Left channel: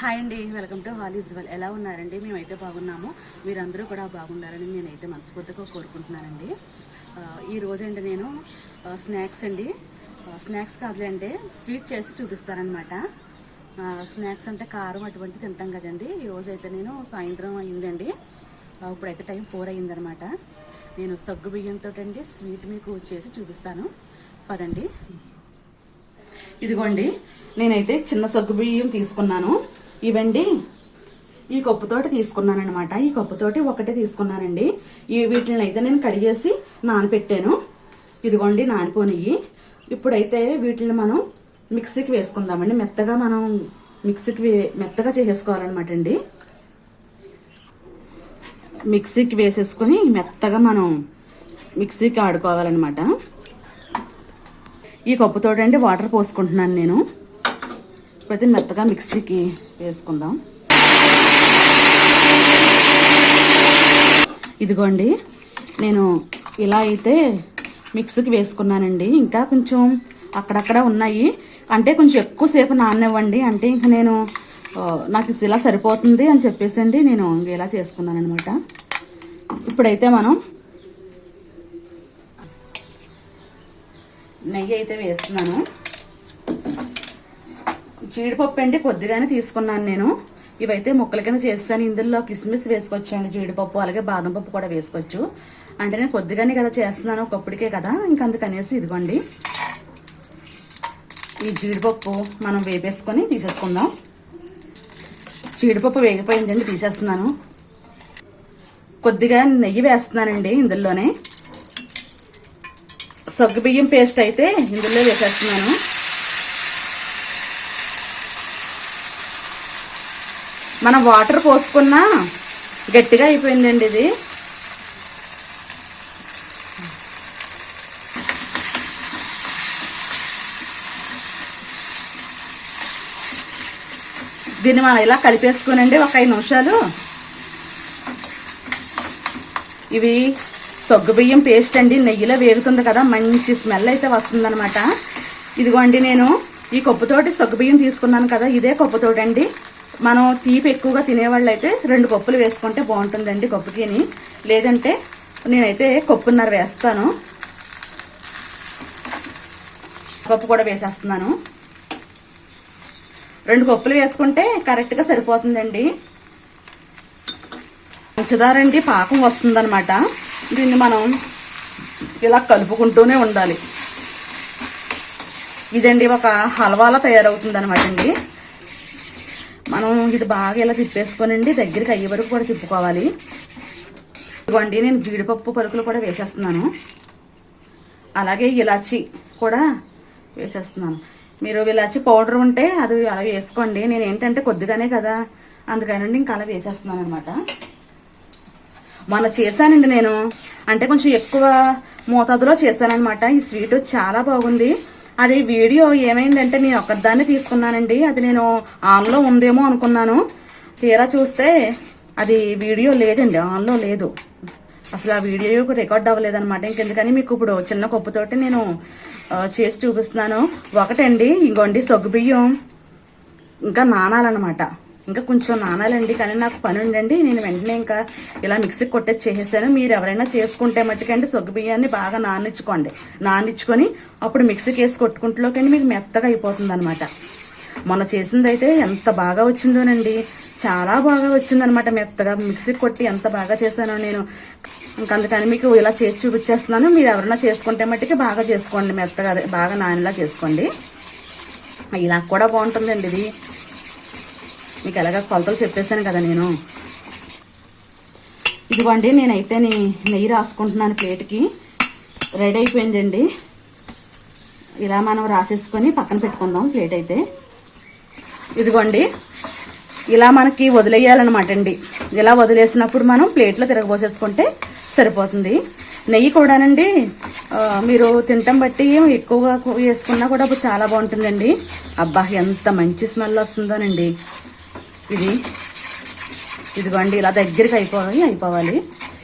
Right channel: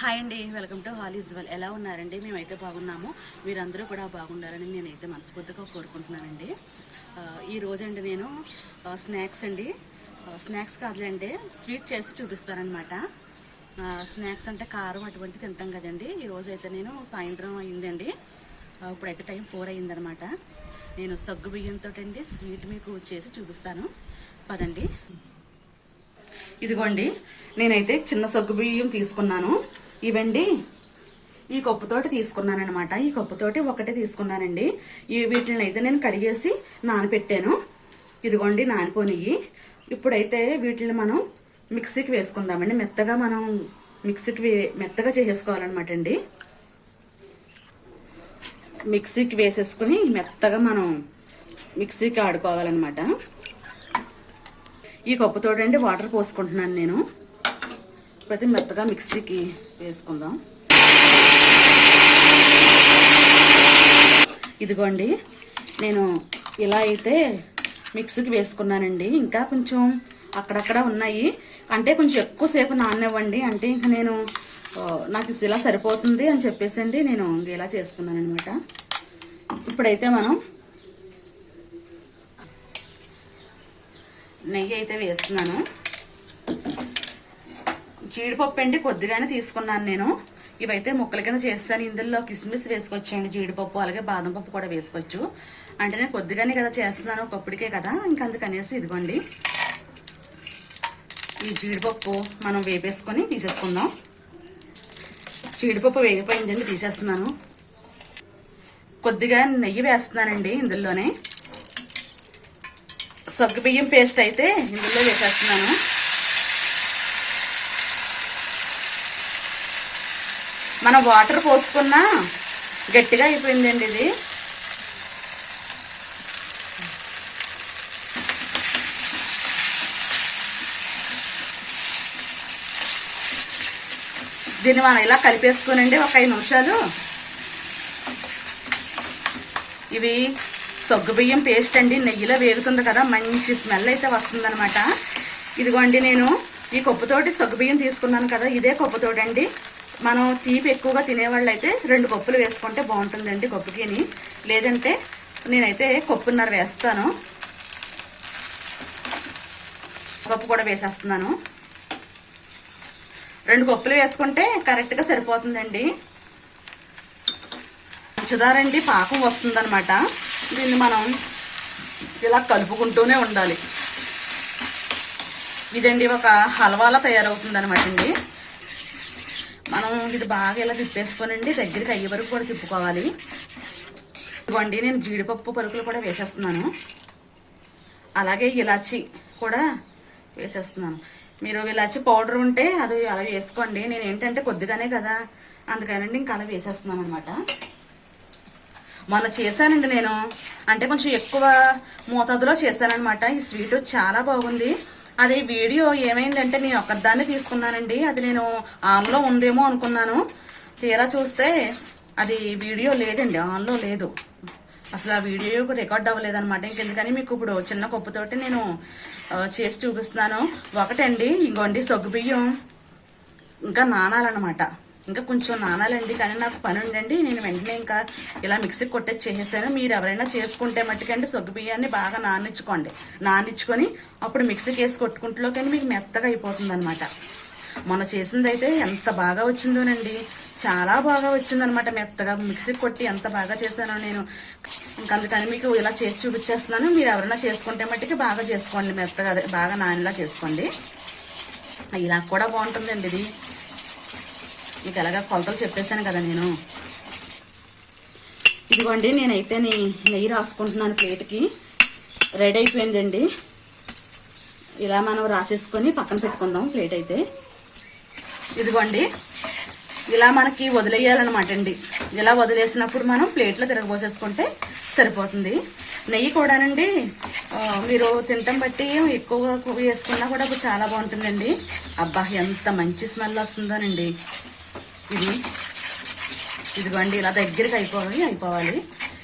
Hi అండి, welcome to hall is well. ఎలా ఉన్నారండి? మేమైతే బాగున్నాము. మీరందరూ కూడా బాగుండాలని నేనైతే మనస్ఫూర్తిగా కోరుకుంటున్నానండి. ఈ రోజండి నేను స్నాక్స్ కాదులేండి, స్వీట్ చేసి చూపిస్తానమాట. స్నాక్స్ అంటే కారం అటువంటి తింటాం కదండి. ఈరోజు అయితే నేను సాయంత్రం అయిందండి, ఇప్పుడైతే టైం 4 అయిందనమాట. నేను సగ్గు బియ్యంతో అండి స్వీట్ మీకు చేసి చూపిస్తాను, పదండి. ఇదిగోండి, నేనైతే చిన్న సగ్గు బియ్యం తీసుకున్నాను. ఇవండి ఈ కప్పుతోటి తీసుకున్నాను అనమాట. ఈ కప్పుతోటి ఒకటే తీసుకున్నానండి. వీటిని అయితే నేను కడిగేసి నానపెట్టాను. ఇదిగోండి నానిపోనియ్యి. ఇప్పుడైతే వీటిని మనం మిక్సీకి వేసుకుందామండి. మెత్తగా మనం మెత్తగా చేసేసుకోవాలన్నమాట అండి. మిక్సీకి వేసేసుకుని మెత్తగా మనం మిక్సీకి ఆడుకోవాలన్నమాట. ఈ కప్పుతోటి అండి వాటర్ పోసుకుంటున్నాను నేను. ఇప్పుడైతే మెత్తగా మిక్సీకి వేసుకుందాం. ఇదిగోండి, నేను ఇలా అయితే మిక్సీకి వేసుకున్నానండి. ఇంకా కొంచెం అక్కడక్కడ ఉన్నాయి, అంటే కొంచెం ఎక్కువసేపు నాననివ్వండి. అంటే ఇంకా నాకు ఇలా సరిపోతుంది అని చెప్పేసి అండి నేను ఇలా చేసుకున్నాను అనమాట. ఇప్పుడైతే మనం నెయ్యి అయితే వేస్తున్నాను. జీడిపప్పు అండి కొద్దిగానే తీసుకున్నాను నేను. ఇవైతే ముక్కల కింద చేస్తాను. ఇందులో కిస్మిస్ వేసుకోవచ్చండి, జీడిపప్పు అలాగే బాదం పప్పు కూడా వేసుకోవచ్చు. అంటే నేను కొద్దిగానే కదా చేస్తున్నాను, ఒకప్పటికే కదా, అందుకనేసి ఇదిగోండి ఈ జీడిపప్పు మనం వేపేసుకొని తీసేసుకుందాం. జీడిపప్పు వేగిపోయిందండి, తీసేస్తున్నాను. కొద్దిగా నెయ్యి వేస్తున్నానండి ఇందులోనే. సగ్గుబియ్యం పేస్ట్ అయితే ఇందులో వేసేస్తున్నాను. మనం వాటర్ పోసుకున్నా గట్టిగా అయిపోయిందండి ఇది. దీన్ని మనం ఇలా కలిపేసుకోనండి ఒక 5 నిమిషాలు. ఇవి సగ్గుబియ్యం పేస్ట్ అండి, నెయ్యిలో వేగుతుంది కదా, మంచి స్మెల్ అయితే వస్తుందన్నమాట. ఇదిగోండి, నేను ఈ కప్పుతోటి సగ్గుబియ్యం తీసుకున్నాను కదా, ఇదే కప్పుతోటి అండి మనం తీపి ఎక్కువగా తినేవాళ్ళు అయితే 2 కప్పులు వేసుకుంటే బాగుంటుందండి కప్పుకిని. లేదంటే నేనైతే కప్పున్నర వేస్తాను. కప్పు కూడా వేసేస్తున్నాను. 2 కప్పులు వేసుకుంటే కరెక్ట్గా సరిపోతుందండి. పంచదారండి పాకం వస్తుందన్నమాట. దీన్ని మనం ఇలా కలుపుకుంటూనే ఉండాలి. ఇదండి ఒక హల్వాలా తయారవుతుంది అనమాట అండి. మనం ఇది బాగా ఇలా తిప్పేసుకోనండి, దగ్గరికి అయ్యే వరకు కూడా తిప్పుకోవాలి. ఇదిగోండి, నేను జీడిపప్పు పలుకులు కూడా వేసేస్తున్నాను. అలాగే ఇలాచి కూడా వేసేస్తున్నాను. మీరు ఇలాచి పౌడర్ ఉంటే అది అలా వేసుకోండి. నేను ఏంటంటే కొద్దిగానే కదా, అందుకనండి ఇంకా అలా వేసేస్తున్నాను అనమాట. మొన్న చేశానండి నేను, అంటే కొంచెం ఎక్కువ మోతాదులో చేశానమాట. ఈ స్వీట్ చాలా బాగుంది. అది వీడియో ఏమైందంటే నేను ఒక్కదాన్ని తీసుకున్నానండి. అది నేను ఆన్లో ఉందేమో అనుకున్నాను. తీరా చూస్తే అది వీడియో లేదండి, ఆన్లో లేదు అసలు. ఆ వీడియో రికార్డ్ అవ్వలేదన్నమాట. ఇంకెందుకని మీకు ఇప్పుడు చిన్న కప్పుతోటి నేను చేసి చూపిస్తున్నాను. ఒకటండి, ఇంకోండి సగ్గుబియ్యం ఇంకా నానాలన్నమాట. ఇంకా కొంచెం నానాలండి, కానీ నాకు పని ఉండండి. నేను వెంటనే ఇంకా ఇలా మిక్సీకి కొట్టేసి చేసేసాను. మీరు ఎవరైనా చేసుకుంటే మట్టుకండి సగ్గు బియ్యాన్ని బాగా నానిచ్చుకొని అప్పుడు మిక్సీకి వేసి కొట్టుకుంటులోకండి మీకు మెత్తగా అయిపోతుంది అనమాట. మొన్న చేసింది అయితే ఎంత బాగా వచ్చిందోనండి, చాలా బాగా వచ్చిందనమాట. మెత్తగా మిక్సీకి కొట్టి ఎంత బాగా చేశాను నేను. అందుకని మీకు ఇలా చేసి చూపించేస్తున్నాను. మీరు ఎవరైనా చేసుకుంటే మట్టుకి బాగా చేసుకోండి, మెత్తగా బాగా నానిలా చేసుకోండి. ఇలా కూడా బాగుంటుందండి ఇది. మీకు ఎలాగా కొలతలు చెప్పేశాను కదా నేను. ఇదిగోండి, నేనైతే నెయ్యి రాసుకుంటున్నాను ప్లేట్కి. రెడీ అయిపోయిందండి. ఇలా మనం రాసేసుకొని పక్కన పెట్టుకుందాం ప్లేట్ అయితే. ఇదిగోండి, ఇలా మనకి వదిలేయాలన్నమాట అండి. ఇలా వదిలేసినప్పుడు మనం ప్లేట్లో తిరగబోసేసుకుంటే సరిపోతుంది. నెయ్యి కూడానండి మీరు తింటాం బట్టి ఎక్కువగా వేసుకున్నా కూడా చాలా బాగుంటుందండి. అబ్బా, ఎంత మంచి స్మెల్ వస్తుందోనండి ఇది. ఇదిగోండి, ఇలా దగ్గరికి అయిపోవాలి.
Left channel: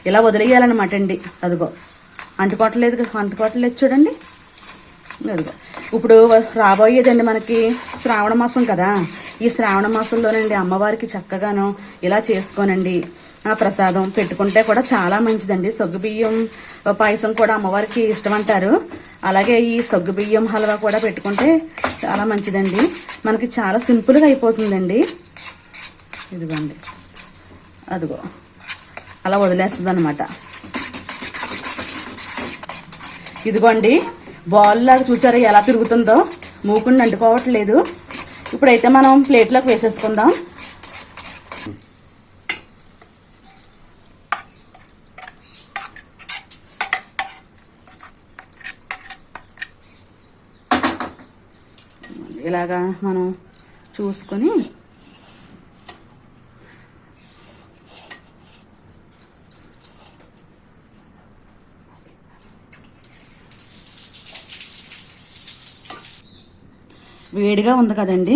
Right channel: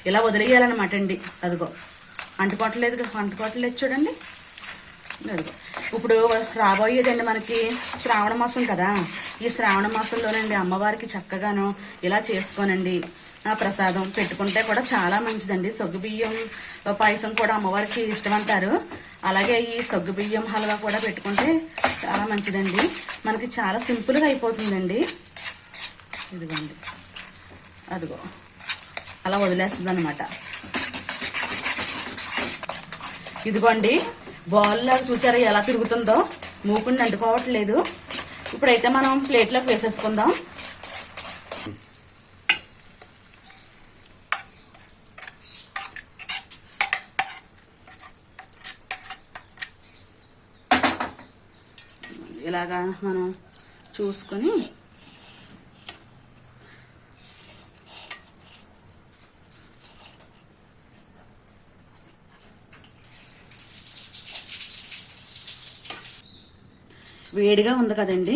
ఇలా వదిలేయాలన్నమాట అండి. అదిగో అంటుకోవట్లేదు చూడండి. అదిగో ఇప్పుడు రాబోయేదండి మనకి శ్రావణ మాసం కదా. ఈ శ్రావణ మాసంలోనండి అమ్మవారికి చక్కగాను ఇలా చేసుకోనండి ప్రసాదం పెట్టుకుంటే కూడా చాలా మంచిదండి. సగ్గుబియ్యం పాయసం కూడా అమ్మవారికి ఇష్టం అంటారు. అలాగే ఈ సగ్గుబియ్యం హల్వా కూడా పెట్టుకుంటే చాలా మంచిదండి. మనకి చాలా సింపుల్గా అయిపోతుందండి. ఇదిగోండి అదిగో అలా వదిలేస్తుంది అనమాట. ఇదిగోండి బాల్ లాగా చూసారా ఎలా తిరుగుతుందో, మూకుని అంటుకోవట్లేదు. ఇప్పుడైతే మనం ప్లేట్లోకి వేసేసుకుందాం. ఇలాగా మనం చూసుకొని వేడిగా ఉంది కదండి,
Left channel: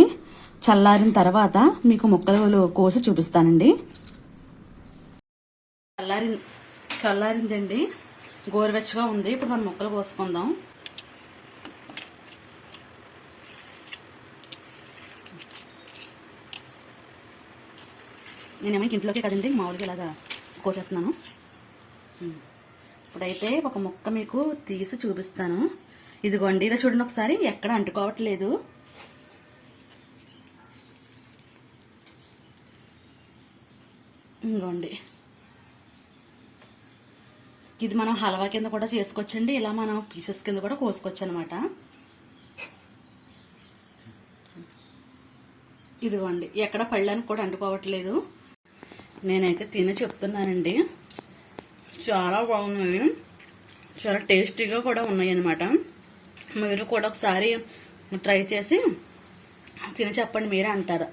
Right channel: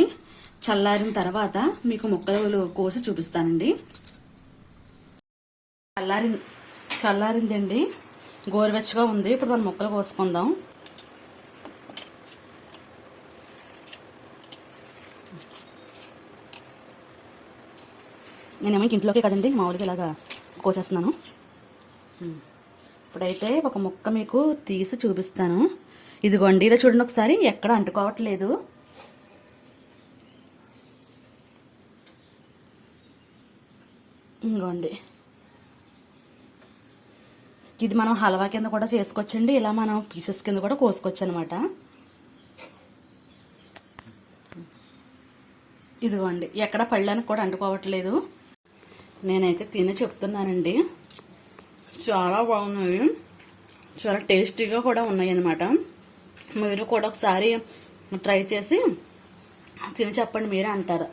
చల్లారిన తర్వాత మీకు ముక్కలు కోసి చూపిస్తానండి. చల్లారిందండి, గోరువెచ్చగా ఉంది. ఇప్పుడు మనం ముక్కలు కోసుకుందాం. నేనేమో ఇంట్లోకే కదండి మామూలుగా ఇలాగా కోసేస్తున్నాను. ఇప్పుడైతే ఒక ముక్క మీకు తీసి చూపిస్తాను. ఇదిగోండి ఇలా చూడండి ఒకసారి, ఎక్కడ అంటుకోవట్లేదు. ఇదిగోండి ఇది మనం హల్వా కింద కూడా చేసుకోవచ్చండి. ఇలా మనం పీసెస్ కింద కూడా కోసుకోవచ్చు అనమాట. ఇదిగోండి ఎక్కడ పళ్ళనికి కూడా అంటుకోవట్లేదు. నేనైతే తిని చెప్తున్నానండి, చాలా బాగున్నాయి, చాలా టేస్టీగా కూడా ఉన్నాయి అన్నమాట. మీరు కూడా ఒకసారి ట్రై చేసి తిని చెప్పండి, మీరే అంటారు.